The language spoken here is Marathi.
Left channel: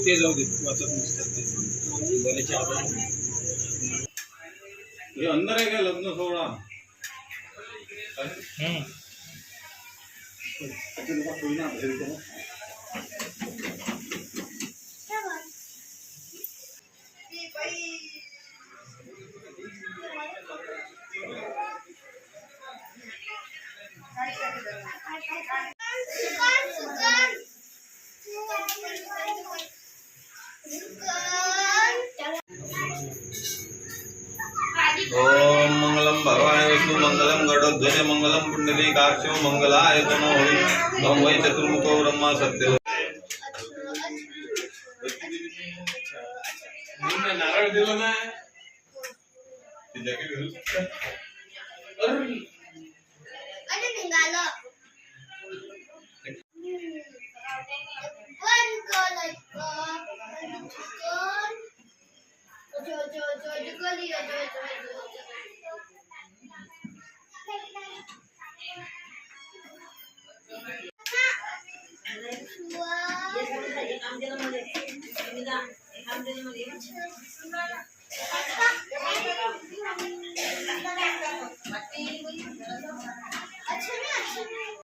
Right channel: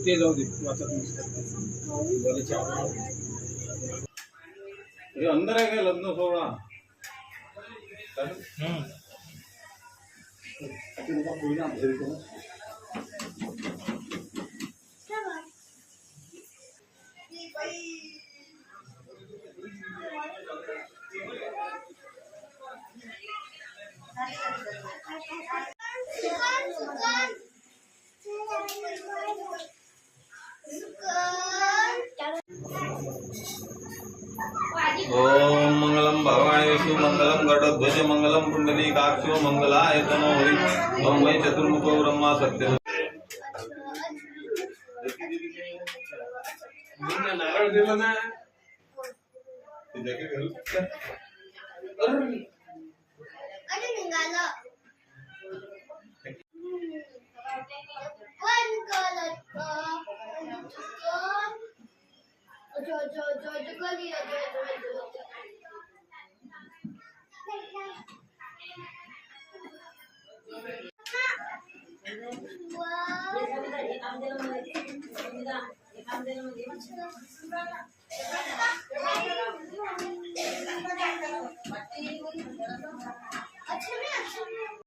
ते जाऊ दे वाचत नसतात हे अंदर आहे काय लग्न सोहळा ओम मंगलम भगवान विष्णु मंगलम गरुड़ध्वज मंगलम पुंडलीकाक्षो मंगलाय तनो होई ओम वै चतुर्मुखो ब्रह्मा सत्य नारळ दिला ना ते जॅकेट घालू अरे निघाला वन कॉल जो जो जो जो गली